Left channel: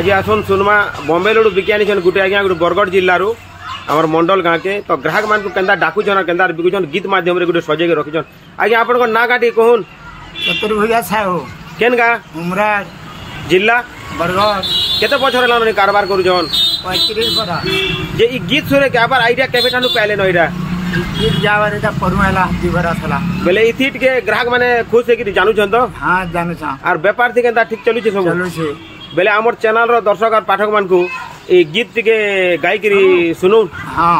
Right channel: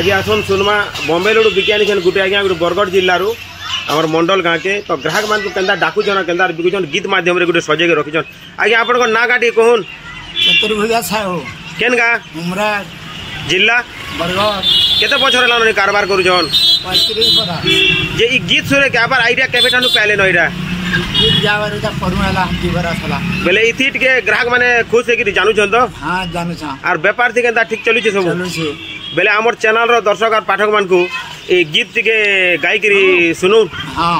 आज आसन सुनमा बॉम्बे लड़ू बिकियानी छन गुटे आज्ञा गुटे बरगढ़ जिल्लारू आमर मंडल गाँ के तो ग्राहक मान को केंदा डाकुछन केंदा बिकुछन गीत माध्यम रे गुटे सजे के रखिछन। आज्ञा आपन को ना गाटी कहून चतुर्भुजा साहू केन गा उमराज जिल्ला बरगढ़ केते बछर लानी कारबार करूछन 35 बरा जे ई गीत सुने के आबार आइडिया केबे ठानु पाले नइरा गीत जावर एटा परुमेला जीवरा थला बेले इथिट के ग्राहक माने खुश है कि जानू छन तो हां जानू छ आर व्यापार थी केंदा ठीक चलु छ सब चलु छ बेले हमर चैनल रो दर्शक और पाठक मान को ए गीत के गाई करी सुनु। हां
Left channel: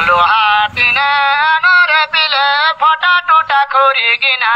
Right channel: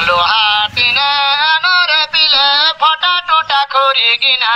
लोहाटिना नर पिले फटा टुटा खोरी गिना